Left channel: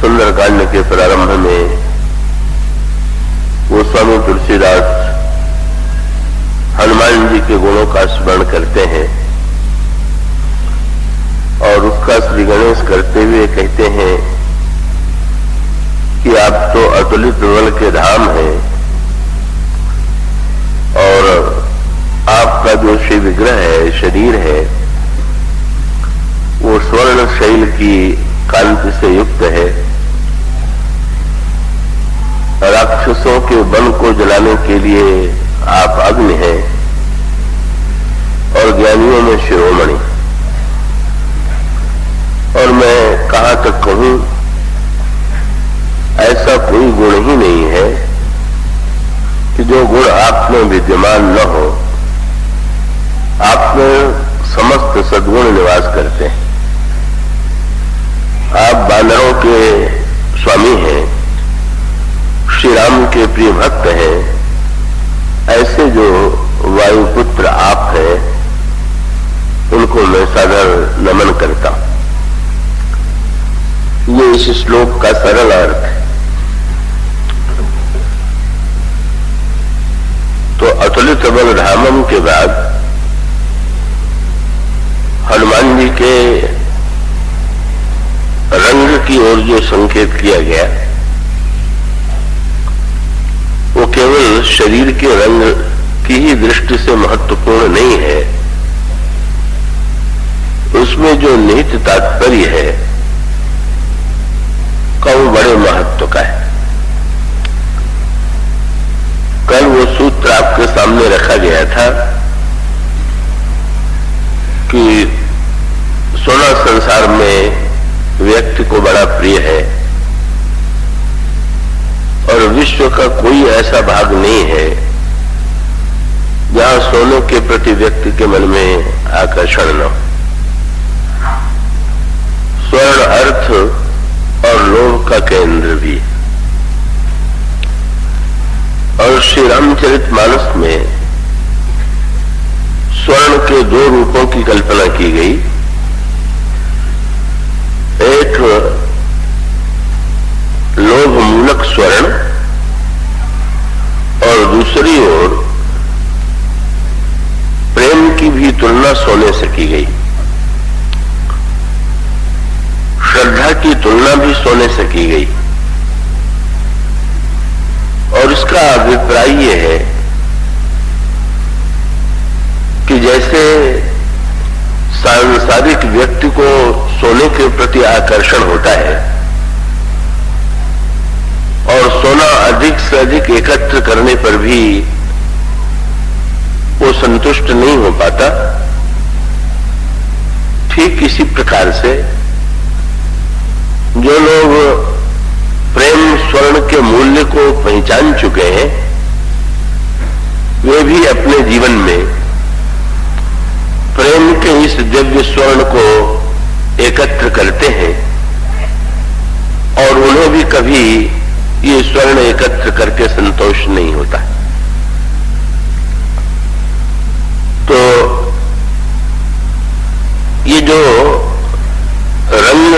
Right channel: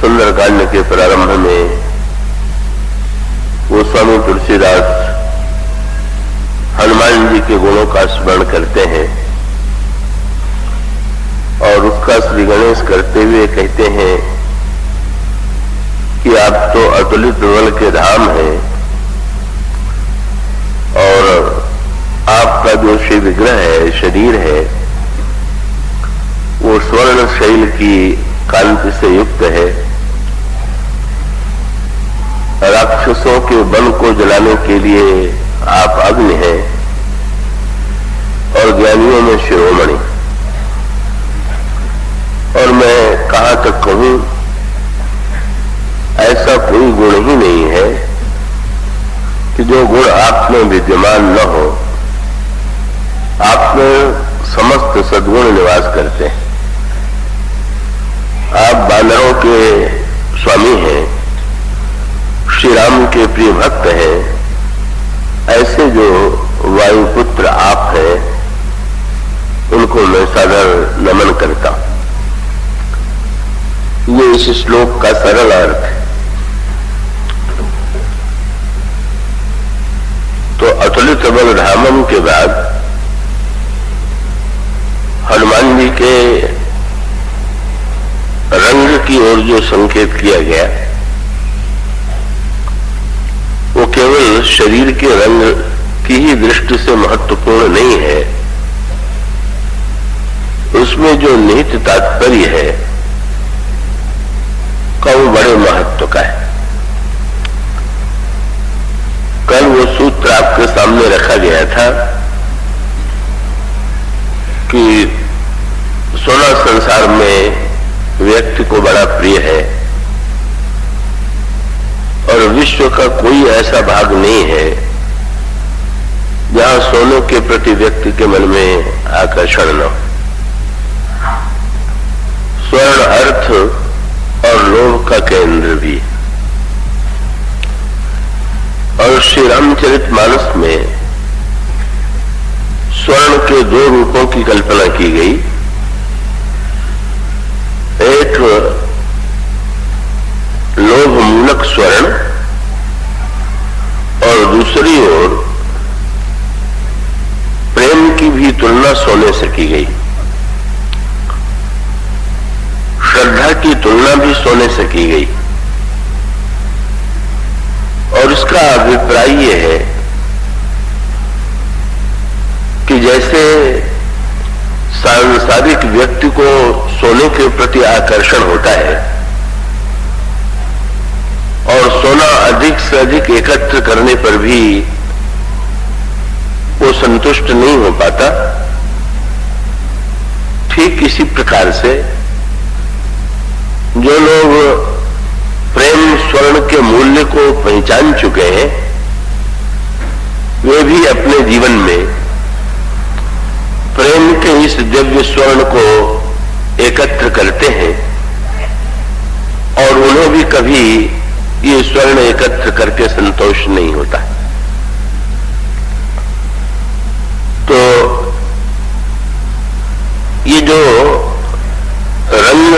सुंदरकांड के प्रारंभ में गोस्वामी तुलसीदास हनुमान जी के गुणों का स्मरण करते हैं और उसका श्री गणेश करते हुए कहते हैं कि आप तो अतुलित बल के धाम हैं और आपका जो श्री विग्रह है, शरीर है, वो स्वर्ण शैल की कांति से युक्त है। राक्षसों के बल को जलाने के लिए आप अग्नि हैं और ज्ञानियों में शिरोमणि। और मैं कहां तक कहूं, ऐसा कोई गुण ही नहीं है कि जो गुण आप में विद्यमान न हो। आप में समस्त सद्गुण निवास करते हैं। आप बानरों के स्वामी हैं, श्री राम के प्रिय भक्त हैं। ऐसे जो वायुपुत्र आप हैं, उनको मैं सादर नमन करता हूं। ये इस श्लोक का सरल अर्थ है। तो अतुलित बल धामम के बाद हनुमान जी के रंग की ओर जो संकेत किया गया, वो केवल शरीर के रंग की ही दृष्टि से महत्वपूर्ण नहीं है। उसमें जो निहित तात्पर्य है, वो बड़े महत्व का है। कल वो सूत्र आपके सामने रखा गया था कि सोना संसार में व्यक्ति को बड़ा प्रिय है और विश्व का कोई ऐसा भाग नहीं है जहां सोने के प्रति व्यक्ति के मन में आकर्षण न हो। स्वर्ण अर्थ और लोभ का केंद्र भी। और श्री रामचरितमानस में स्वर्ण के दो रूपों की कल्पना की गई। एक लोभ मूलक स्वर्ण और दूसरी ओर प्रेम की भी तुलना सोने से की गई। श्रद्धा की तुलना भी सोने से की गई। और इसका अभिप्राय ये है कि जैसे सांसारिक व्यक्ति को सोने के प्रति आकर्षण होता है और सोना अधिक से अधिक एकत्र करने पर भी वो संतुष्ट नहीं हो पाता, ठीक इसी प्रकार से जो लोग प्रेम स्वर्ण के मूल्य को पहचान चुके हैं, वे भी अपने जीवन में प्रेम के इस दिव्य स्वर्ण को एकत्र करते हैं और उन्हें भी कभी ये स्वर्ण एकत्र करके संतोष नहीं होता। तो ये जो रंग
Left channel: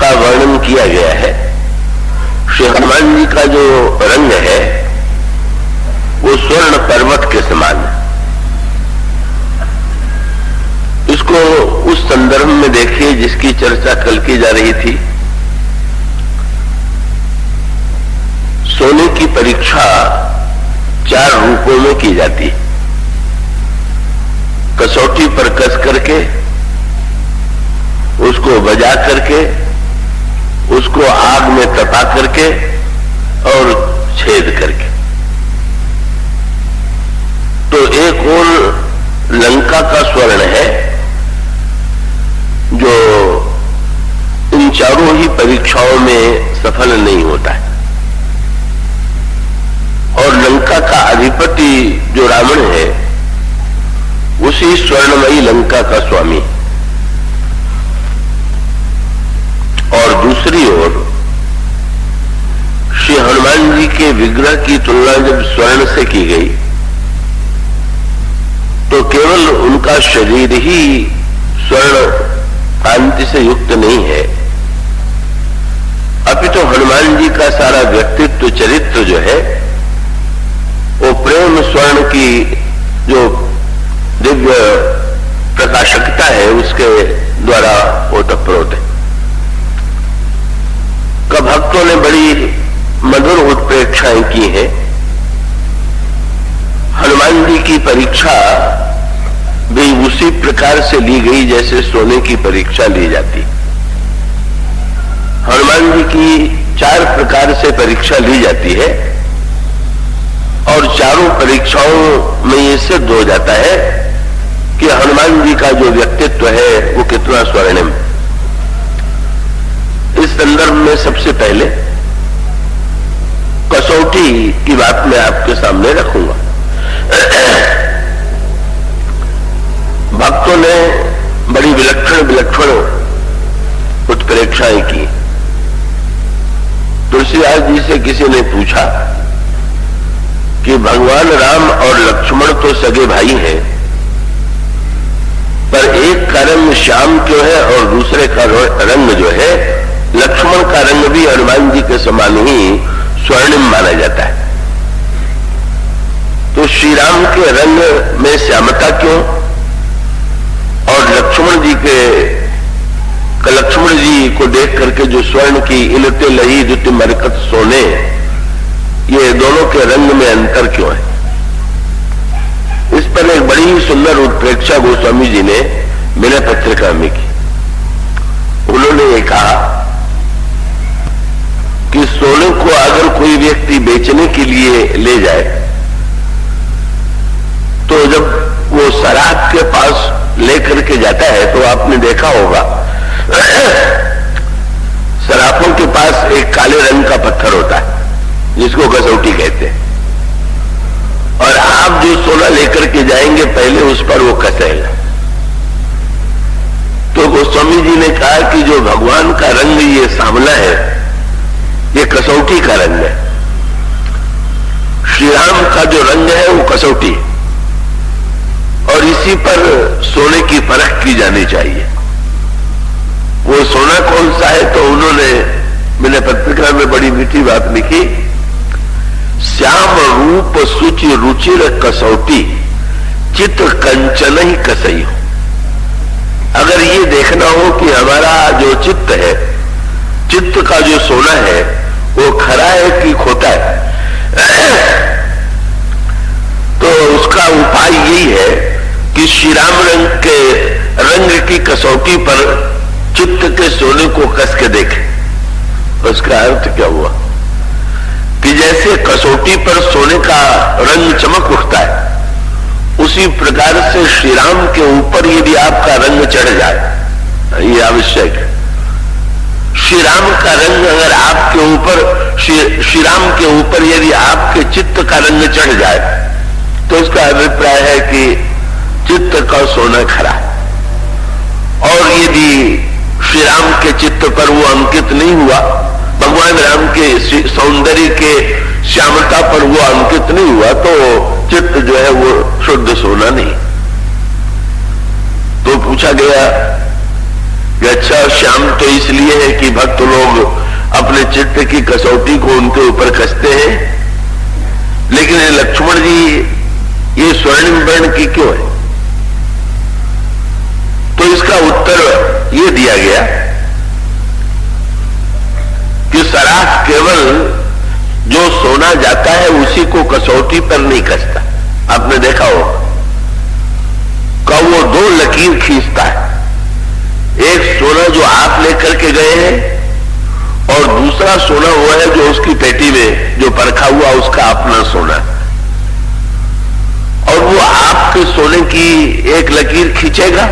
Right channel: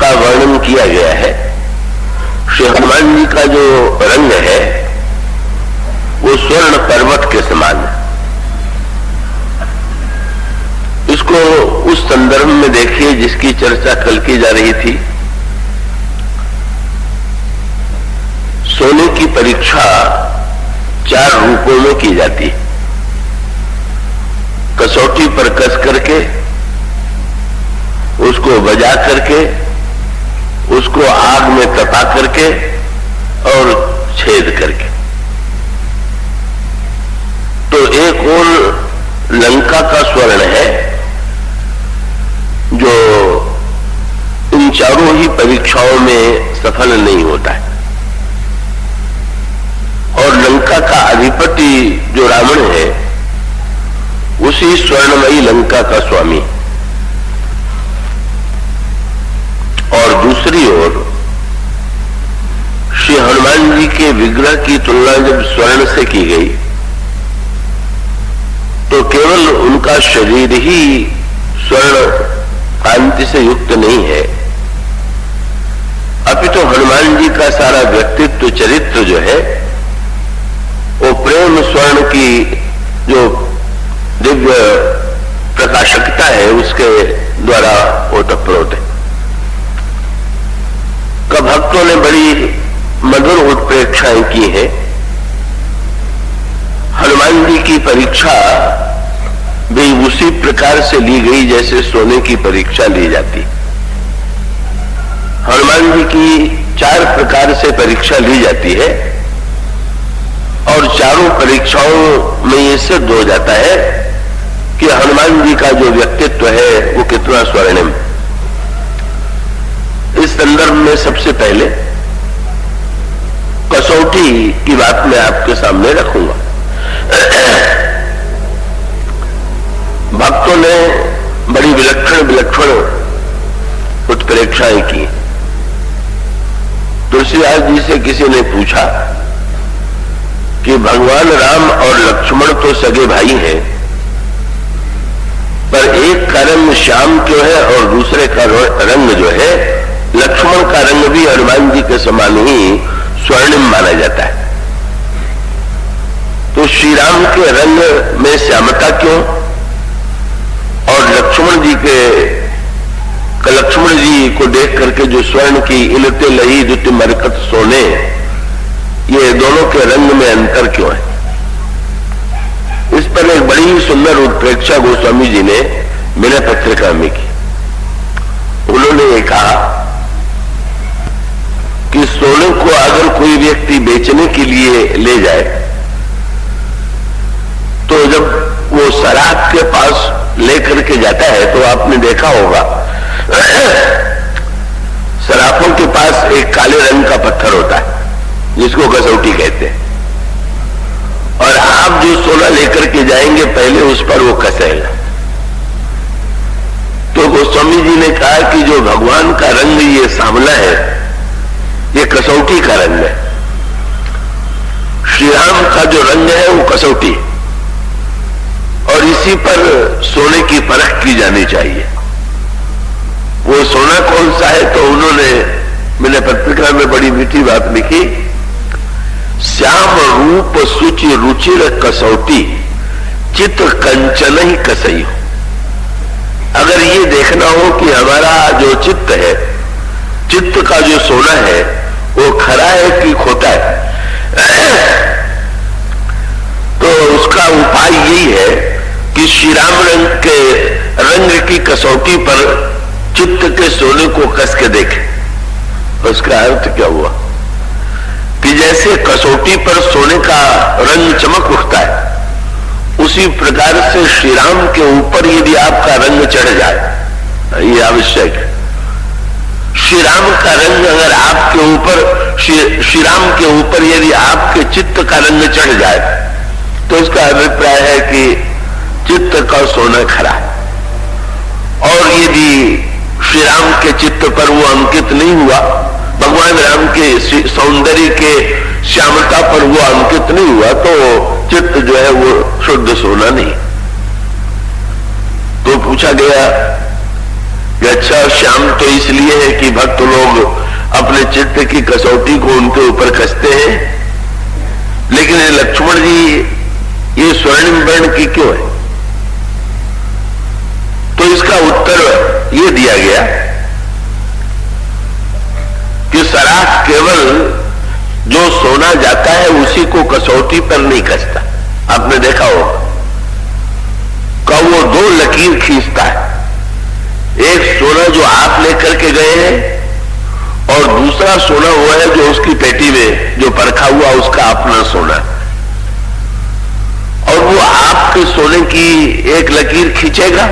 का वर्णन किया गया है, श्री हनुमान जी का जो रंग है वो स्वर्ण पर्वत के समान है। इसको उस संदर्भ में देखिए जिसकी चर्चा कल की जा रही थी। सोने की परीक्षा 4 रूपों में की जाती है। कसौटी पर कस करके, उसको बजा करके, उसको आग में तपा करके और छेद करके। तो एक और लंका का स्वर्ण है जो इन चारों ही परीक्षाओं में सफल नहीं होता है। और लंका का अधिपति जो रावण है, उसी स्वर्णमयी लंका का स्वामी। और दूसरी ओर श्री हनुमान जी के विग्रह की तुलना जब स्वर्ण से की गई तो केवल उनका शरीर ही स्वर्ण कांति से युक्त नहीं है, अभी तो हनुमान जी का सारा व्यक्तित्व चरित्र जो है वो प्रेम स्वर्ण की जो दिव्य प्रकाशकता है उसके द्वारा ओतप्रोत है। कब भक्तों ने बड़ी मधुर उत्प्रेक्षाएं की है। हनुमान जी की परीक्षा भी उसी प्रकार से ली गई जैसे सोने की परीक्षा ली जाती। हनुमान जी की 4 प्रकार से परीक्षा ली जाती है और चारों परीक्षाओं में ये सिद्ध हो जाता है कि हनुमान जी का जो व्यक्तित्व है वो कितना स्वर्णिम। इस संदर्भ में सबसे पहले कसौटी की बात मैं आपके सामने रखूंगा। भक्तों ने बड़ी विलक्षण उत्प्रेक्षाएं की। तुलसीदास जी से किसी ने पूछा कि भगवान राम और लक्ष्मण तो सगे भाई हैं, पर एक का रंग श्याम क्यों है और दूसरे का रंग जो है लक्ष्मण का रंग भी हनुमान जी के समान ही स्वर्णिम माना जाता है। तो श्री राम के रंग में श्यामता क्यों और लक्ष्मण जी को देख करके जो स्वर्ण की इलते लही दुत मरकत सोने, ये दोनों के रंग में अंतर क्यों है? इस पर एक बड़ी ही सुंदर उत्प्रेक्षा गोस्वामी जी ने बिना पत्रिका में की। उन्होंने ये कहा कि सोने को अगर कोई व्यक्ति बेचने के लिए ले जाए तो जब वो शराब के पास लेकर के जाता है तो आपने देखा होगा शराफों के पास एक काले रंग का पत्थर होता है जिसको कसौटी कहते हैं, और आप जो सोना लेकर के जाएंगे पहले उस पर वो कसेगा। तो गोस्वामी जी ने कहा कि जो भगवान का रंग ये सांवला है ये कसौटी का रंग है। श्री राम का जो रंग है वो कसौटी है और इसी पर सोने की परख की जानी चाहिए। वो सोना कौन सा है? तो उन्होंने मैंने पत्रिका में बड़ी मीठी बात लिखी, श्याम रूप सुचि रुचिर कसौटी चित्त कंचन ही कसई हो। अगर ये देखना हो कि हमारा जो चित्त है, चित्त का जो सोना है वो खरा है कि खोटा है, तो उसका उपाय यही है कि श्री राम रंग की कसौटी पर चित्त के सोने को कस के देखें। तो इसका अर्थ क्या हुआ कि जैसे कसौटी पर सोने का रंग चमक उठता है, उसी प्रकार से श्री राम के ऊपर यदि आपका रंग चढ़ जाए, ये आवश्यक है। श्री राम का रंग अगर आपके ऊपर श्री राम के ऊपर यदि आपके चित्त का रंग चढ़ जाए तो इसका अभिप्राय है कि चित्त का सोना खरा। और यदि श्री राम के चित्त पर वो अंकित नहीं हुआ, भगवान राम के सौंदर्य के श्यामता पर वो अंकित नहीं हुआ, तो चित्त जो है वो शुद्ध सोना नहीं। तो पूछा गया कि अच्छा श्याम तो इसलिए है कि भक्त लोग अपने चित्त की कसौटी को उनके ऊपर कसते हैं, लेकिन लक्ष्मण जी ये स्वर्णिम वर्ण की क्यों है? तो इसका उत्तर ये दिया गया कि सराफ केवल जो सोना जाता है उसी को कसौटी पर नहीं कसता। आपने देखा हो का वो 2 लकीर खींचता है, एक सोना जो आप लेकर के गए हैं और दूसरा सोना हुआ है जो उसकी पेटी में जो परखा हुआ उसका अपना सोना है, और वो आपके सोने की एक लकीर खींचेगा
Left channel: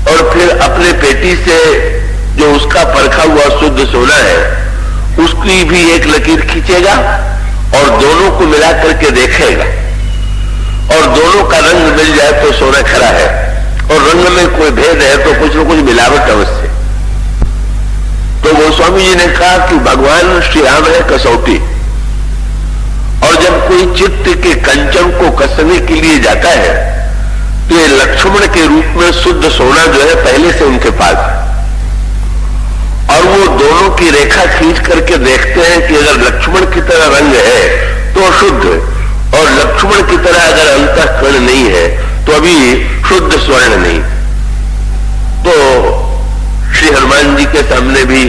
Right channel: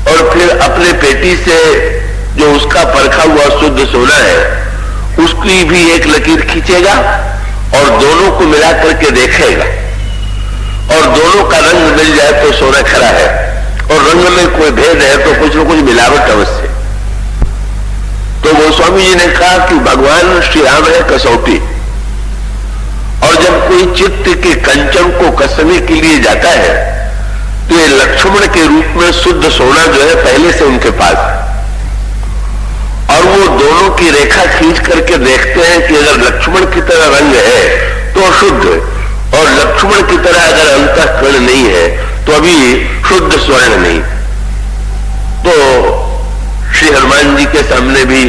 और फिर अपने पेटी से जो उसका परखा हुआ शुद्ध सोना है उसकी भी एक लकीर खींचेगा और दोनों को मिला करके देखेगा, और दोनों का रंग मिल जाए तो सोना खरा है, और रंग में कोई भेद है तो कुछ न कुछ मिलावट अवश्य। तो गोस्वामी जी ने कहा कि भगवान श्री राम है कसौटी, और जब कोई चित्त के कंचन को कसने के लिए जाता है तो ये लक्ष्मण के रूप में शुद्ध सोना जो है पहले से उनके पास, और वो वो दोनों की रेखा खींच करके देखते हैं कि अगर लक्ष्मण की तरह रंग है तो शुद्ध, और लक्ष्मण की तरह अगर अंतःकरण नहीं है तो अभी शुद्ध स्वर्ण नहीं। तो श्री हनुमान जी के सामने भी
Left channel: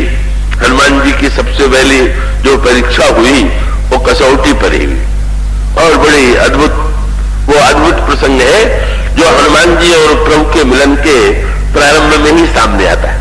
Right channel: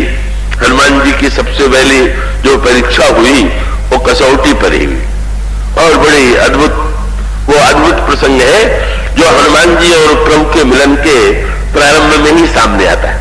हनुमान जी की सबसे पहली जो परीक्षा हुई वो कसौटी पर ही हुई, और बड़ी अद्भुत प्रसंग है जो हनुमान जी और प्रभु के मिलन के प्रारंभ में ही सामने आता है।